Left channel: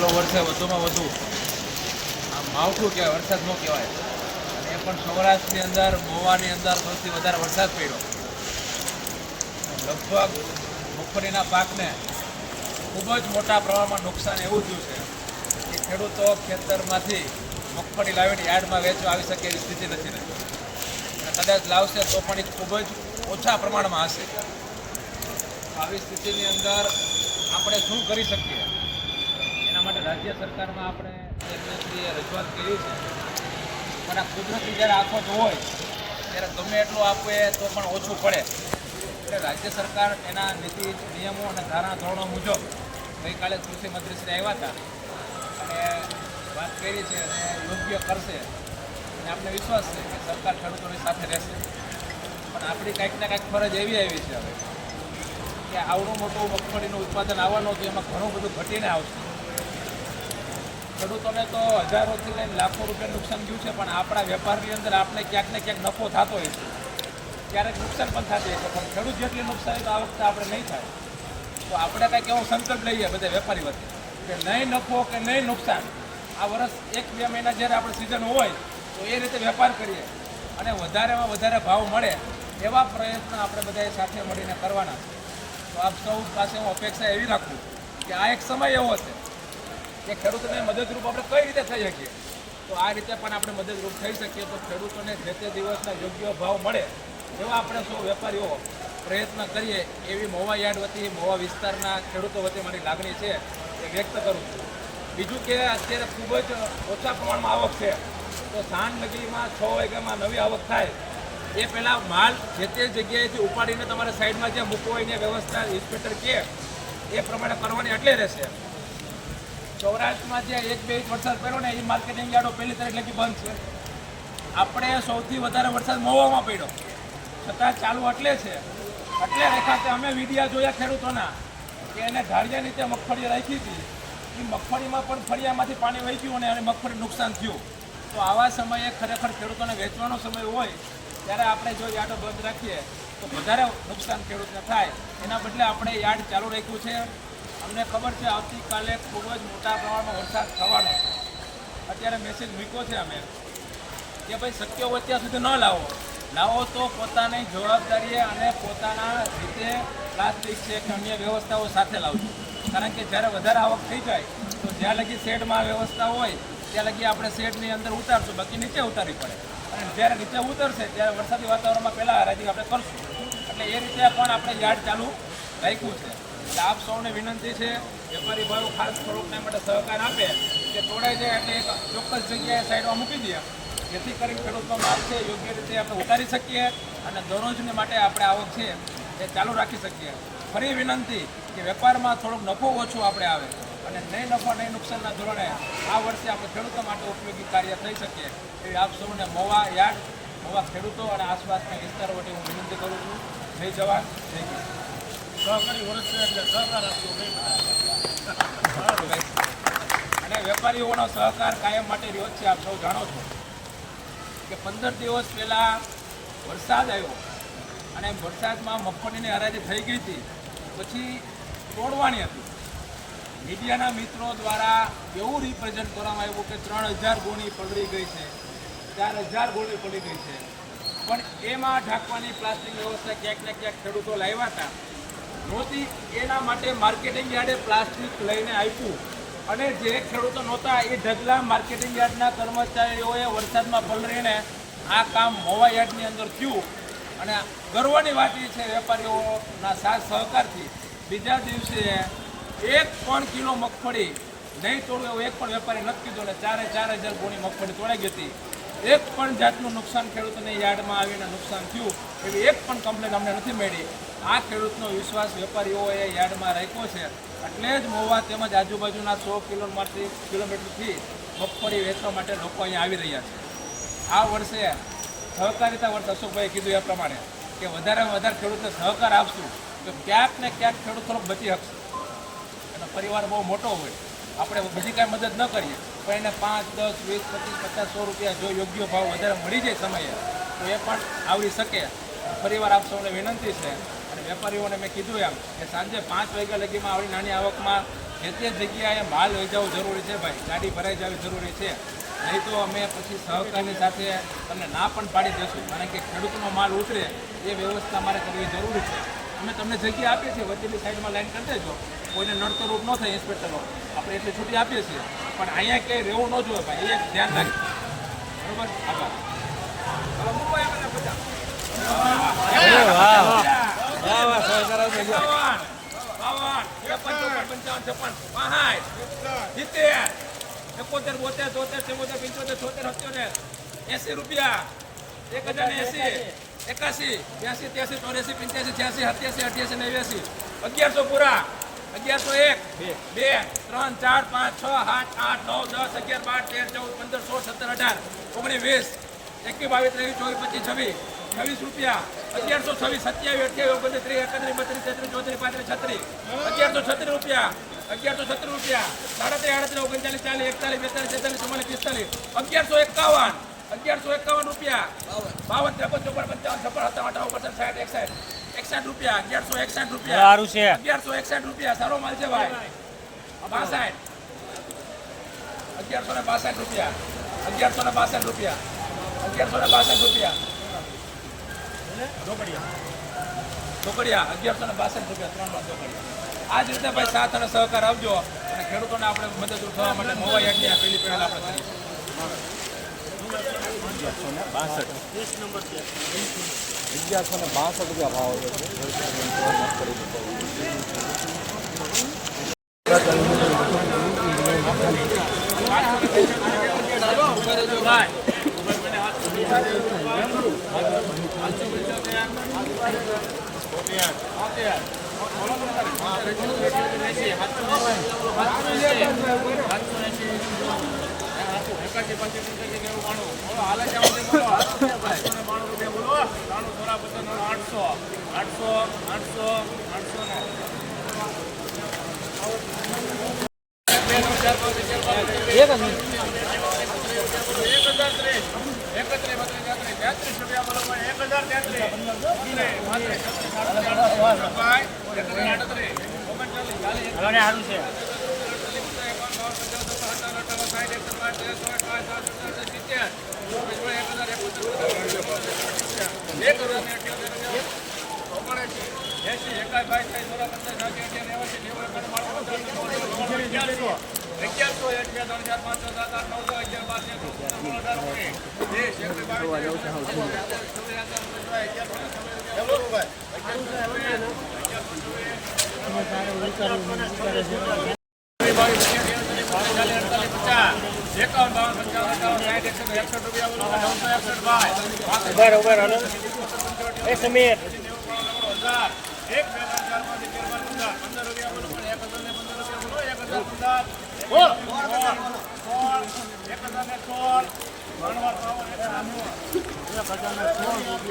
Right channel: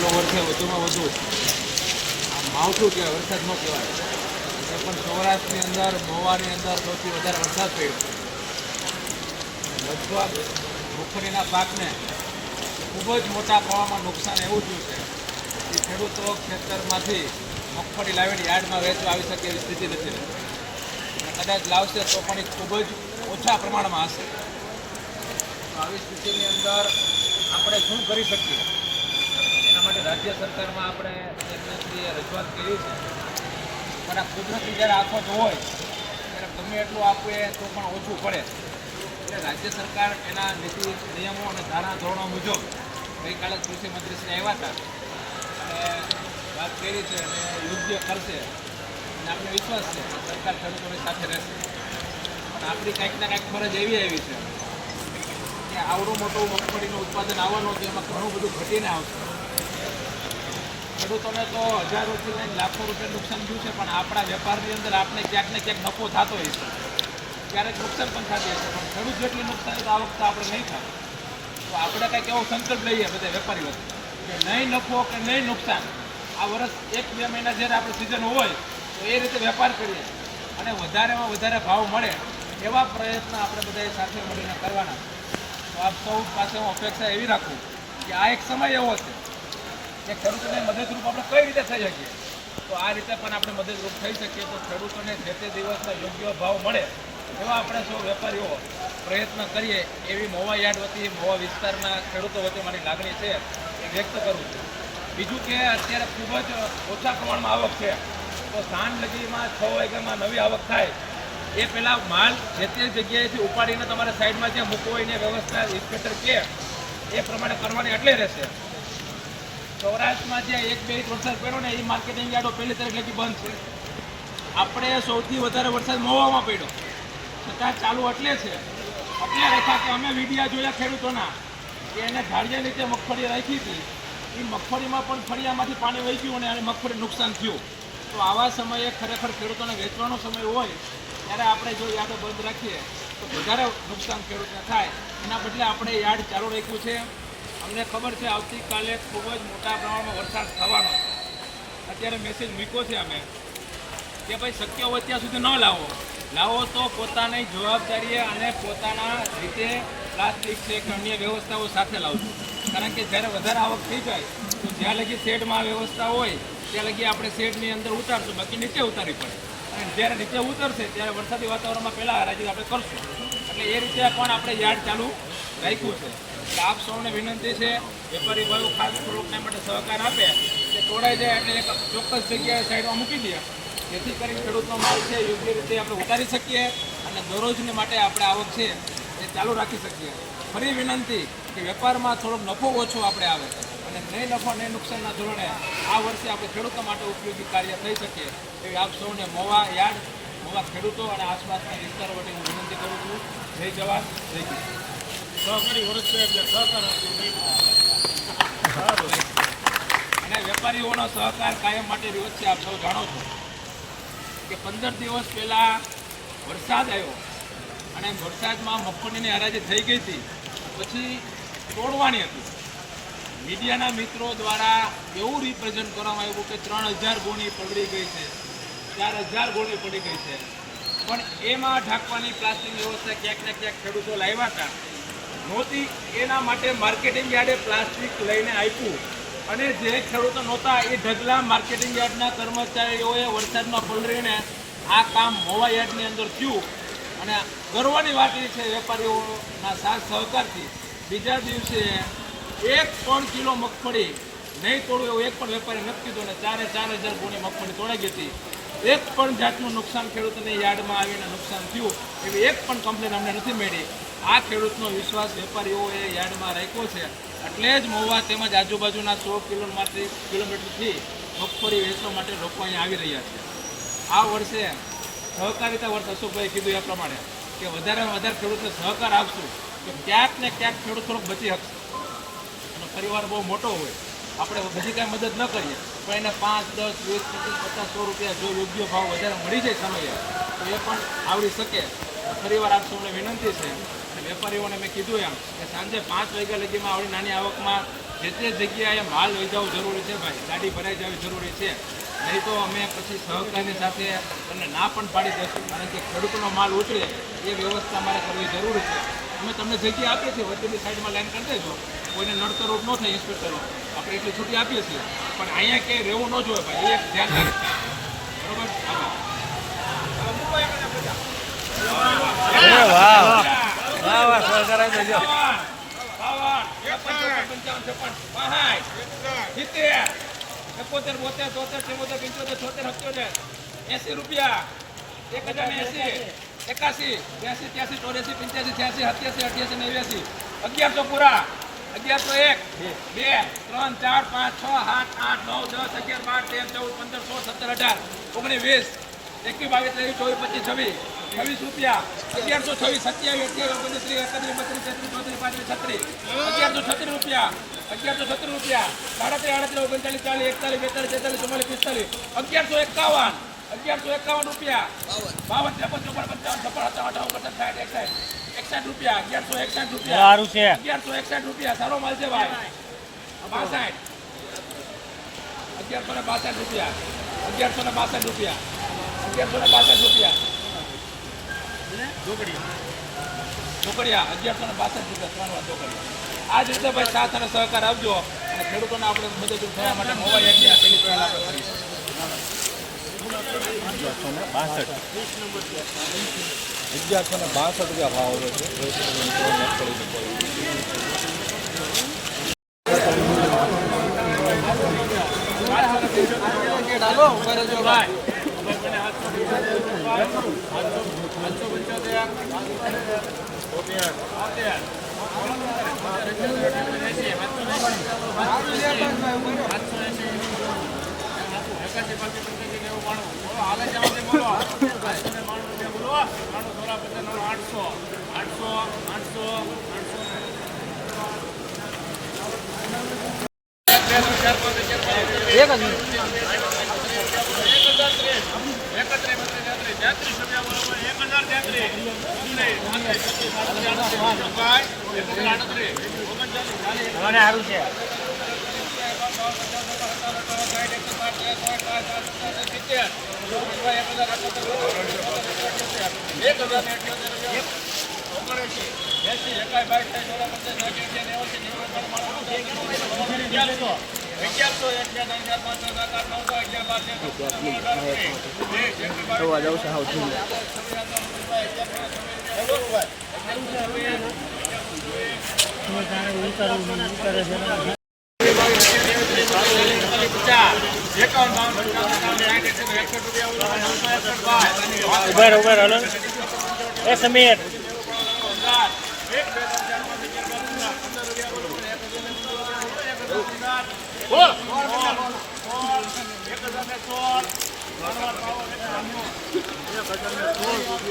ચાલુ વર્ષે વધુમાં વધુ આ માવઠું કહેવાય, વરસાદ ન કહેવાય, એ પણ સૌરાષ્ટ્રની અંદર મહુવાની અંદર સૌથી વધારે વરસાદ પડ્યો. લગભગ મગફળીના પાકને ખૂબ જ મોટા પ્રમાણમાં નુકસાન એવું થયું છે કે ખેડૂતો ખેતરમાંથી મગફળી લાવીને યાર્ડમાં વેચવા આવી શકે એવી સ્થિતિ નથી રહેતી, અને કદાચ લાવશે તો પણ એ ખૂબ જ ઓછા પ્રમાણમાં હશે. આવી સ્થિતિની અંદર આપણે શું કરી શકીએ એના માટે રાજ્ય સરકારમાં આપણે ચેરમેનશ્રીએ રજૂઆત કરી છે. પણ આ કુદરતી જ્યારે આફત હોય ત્યારે ગમે એટલું આપે તો પણ ઓછું પડે, એટલે રાજ્ય સરકાર એના નીતિ નિયમો અને ધારા ધોરણો મુજબ ગઈકાલે કૃષિ મંત્રીશ્રી આવ્યા હતા અને વાત કરી છે અને યોગ્ય કરશે, અને આપણે વિશ્વાસ છે કે સરકાર ખેડૂતોની સાથે રહેશે. પણ આપણી કંઈક ને કંઈક ફરજ એવી આવી છે હવે કે આવડું મોટું મગફળીનું ઉત્પાદન આવવાનું હતું, એમાં ઘણું બધું ઘટીને આવશે. ખેડૂતોને તો હજારોથી લઈને લાખો રૂપિયા નુકસાન થયું છે, પણ આપણા વેપારની અંદર આપણે ક્યાંક ને ક્યાંક નફો થતો હોય છે, ક્યારેક નુકસાન પણ થતી હોય છે, પણ ખેડૂત જેટલી નુકસાની તો આ વખતે આપણે નહીં થાય. તો આપણે કંઈક એવો સંકલ્પ લઈએ બધા વેપારી વચ્ચે કે નહીં નફો કે નહીં નુકસાન, આ વર્ષ 1-2 મહિના જ્યારે આપણે સિઝન હોય તો એ રીતે વેપાર કરીએ અને વધારેમાં વધારે ભાવ મળે એવા પ્રયત્ન આપણે બધાએ સાથે મળીને કરવાના. તો આપ સૌ પાસે હું અપેક્ષા એવી રાખું કે આ એક સમય એવો છે કે ખેડૂતોને મદદરૂપ આપણે કઈ રીતે થઈ શકીએ, તો આ રીતે પણ આપણે મદદરૂપ થઈ શકીએ. તો ખેડૂતોને જે તે દિવસના યોગ્ય ભાવ મળે એવા આપણે સૌ વેપારીઓ પ્રયત્ન કરીએ એવી મહુવા યાર્ડ વતી મહુવા વિસ્તારના ખેડૂતો વચ્ચે મારી લાગણી છે એ વ્યક્ત કરું છું. બીજું કે અત્યારે ખૂબ જ ઓછા પ્રમાણમાં આવક છે, તો સાંજ લગીમાં 6 વાગ્યામાં નવી આવક થાય એ પહેલાં માલ જે તે જગ્યાએથી ઉપાડીને તમારે સાઈડમાં જ્યાં મૂકવો હોય એની વ્યવસ્થા ઇન્સ્પેક્ટર કહે એ પ્રમાણે કરવાની એટલે રહેશે. સૌરાષ્ટ્રમાં જે 1-2 ઇંચ વરસાદ પડ્યો ને એ માર્કેટિંગ યાર્ડો 1 તારીખ લગી બંધ છે. આપણે સૌથી વધારે વરસાદ મહુવામાં પડ્યો છતાં ચાલુ એટલે છે, એટલે રેખા કે અમે વિડીયા જોયા ખેડૂતોના કે એને ઢાળિયા નીચે મગફળી રાખી હતી, એ મગફળીમાં પણ ફળિયામાંથી પાણી વહી ગયું અને મગફળી નુકસાન થયું. તો આવા સમયે ખરેખર ખેડૂતોને વેચવાનો સમય હોય ત્યારે આપણે જો યાર્ડો બંધ રાખીએ તો વધારે નુકસાન ખેડૂતને થાય. એના બદલે આપણે યાર્ડ ચાલુ રાખ્યું છે. અમને ખબર છે આવતીકાલે ખૂબ જ મોટા પ્રમાણમાં વરસાદ થવાનો છે. અત્યારે મેસેજ મૂક્યો છે અમે કે ભાઈ શક્ય હોય ત્યાં સુધી ન લાવો તો પોતાની જવાબદારીએ અને પોતાના રીતે પ્લાસ્ટિક છે કે અન્ય વ્યવસ્થાઓ સાથે લાવજો. કારણ કે જ્યારે વધારે આવક થઈ જાય તો જ્યાં લગી શેડમાં વ્યવસ્થા હોય ત્યાં લગી આપણે શેડની અંદર ઉતારશું, બાકી નીચે ઉતારવી પડે. અને જ્યારે નીચે ઉતરશે ત્યારે વરસાદી વાતાવરણમાં પહેલાં હરાજી આપણે કરશું. એટલે એ રીતે પણ આપણે યાર્ડ ચાલુ રાખ્યું છે. એટલે આપ સૌને વિનંતી છે, વેપારી ભાઈઓ ખાસ થોડુંક એના માટે સહકાર આપે કે તોડાઈ જાય એટલે એક ચોક્કસ જગ્યાએ સાઈડમાં મૂકી દે, જેથી કરીને ખેડૂતનો માલ છે યોગ્ય રીતે આપણે ઉતારી શકીએ અને દરરોજને માટે આપણે આવક છે એ ચાલુ રાખી શકીએ. ફરી વિનંતી કે વેપારમાં થોડોક નફો ઓછો આપણે આવે અને નહીં નફા નહીં નુકસાનના ધોરણે આ વર્ષે આપણે ખેડૂતો માટે ઉપયોગી કાર્ય થઈ શકીએ એવી આપ સૌને મહુવા યાર્ડ, મહુવા ખેડૂતો અને આસપાસના વિસ્તારો માટે હું વિનંતી કરું છું. જય જવાન જય કિસાન. સહકારી વર્ષ એટલે સહકાર અને વેપારીઓનો સહકાર કાયમ માટે રહ્યો છે. આપ સૌ જાણો છો કે 15 દિવસ પહેલાં વરસાદ આવ્યો અને વરસાદમાં મગફળીની હરાજી થઈ ગઈ હતી, પછી તોડવાની હતી. મીડિયાના મિત્રો દ્વારા એવું રિપ્રેઝન્ટ કરવામાં આવ્યું કે 3000 ગોણી પલળી ગઈ છે, 4000 ગોળી પડી ગઈ છે, પણ એમાં ઢાંકવાની પ્લાસ્ટિક વ્યવસ્થા ક્યાંક ને ક્યાંક ખેડૂતો લાવ્યા હતા નહોતી. એના માટે માર્કેટિંગ યાર્ડે પ્લાસ્ટિક લઈને આપ્યું અને જે ખેડૂતો નહોતા એ ઢગલા માર્કેટિંગ યાર્ડના કર્મચારીઓએ વરસાદમાં પલળીને આ કામ મહુવા યાર્ડની અંદર થયું. અને ગર્વની વાત એ છે વેપારીઓના સાથ સહકારથી બીજા દિવસે 1 કિલો મગફળી નહીં તોડવું એવું એક પણ વેપારી નથી કીધું અને 4000 ગોણી મગફળી તોડાઈ ગઈ હતી. એક પણ જાતનું નુકસાન ખેડૂતોને યાર્ડમાં આવીને નુકસાન થયું એવી એક પણ કમ્પ્લેન અમને નથી મળી. આ ખેડૂતનો વિશ્વાસ વેપારીઓએ યાર્ડમાં રાખ્યો છે, એટલે જ મહુવા તેમજ આજુબાજુના 100 કિલોમીટરથી મગફળી વેચવા માટે લોકો અહીંયા આવી રહ્યા છે. આ વર્ષે સહકારિતા વર્ષ અશોકભાઈ કીધું એ પ્રમાણે કે વધારેમાં વધારે ખેડૂતને સહકાર આપશું તો ક્યાંક ને ક્યાંક ખેડૂત થોડોક બચી શકશે. એનો પરિવાર બહુ મોટો હોય, આપણે બધી કાંઈ મદદ ન કરીએ પણ એને 5, 10, 20, 25, 50, 100 રૂપિયા જો યોગ્ય ભાવ વધારે મળી જાય સમયે તો એ પણ આવડી શકે. ફરીવાર આપ સૌને વિનંતી છે અને વેપારીઓને મેં કીધું એમ કે સાંજે 5 વાગ્યા લગીમાં આવડી નાની આવકમાં જે તે જગ્યાએ માલ લઈ જવું જરૂરી છે ભાઈ, ગાડી ભરાઈ જવી જરૂરી છે. નહીં તો અમે પછી સહકારની સાથે તમને ના પણ પાડી દઈશું, કારણ કે ખેડૂતનો માલ ઉતરે એ વ્યવસ્થા અમારે કરવી જરૂરી છે. અમે તમને જગ્યા આપીએ છીએ, વચ્ચેની સાઈડમાં લાઈન કરી દેજો, કોઈને નડતરરૂપ ન થાય ઇન્સ્પેક્ટરો, આપણે એટલી છૂટી આપીએ છીએ. પણ અહીંયા ક્યાંય રહેવું ન જોઈએ ભાઈ, એ એક ધ્યાન રાખીએ. બરોબર, આભાર. વાહ વાહ સહકાર આવી જજો. 52, 53, 54, 55, 56, 70, 72, 73, 74, 75, 80 રૂપિયા, 1080, 81, 82, 83, 84, 85, 88, 88, 1100 પૂરા, 1101, 2, 3, 4, 5, 6, 7, 8, 9, 10, 11, 12, 13, 14, 15, 16, 17, 18, 19, 20, 21, 22, 23, 24, 25, 26 રૂપિયા, 1126, 27, 28, 29, 30, 31, 32, 33, 34, 35, 36 રૂપિયા, 1136 રૂપિયા, 37, 38, 39, 40, 41, 42, 43, 44, 1151 રૂપિયા, 52, 53, 54, 55, 56, 57, 58, 61 રૂપિયા, 1161 રૂપિયા, સારો માલ છે ભાઈ. 62, 1162 રૂપિયા, 1162 રૂપિયા, 1162 રૂપિયા, ચોકડિયા 1162 રૂપિયા, 3 વાર ચોકડિયા. આ જ રીતે ભાઈ સાથ અને સહકાર આપજો, અને ખેડૂતોને આપણે મદદરૂપ થવા માટે મોવા યજ્ઞ પેલી પહેલ આપણે કરીશું. 1162 રૂપિયા ભાવ આવે છે.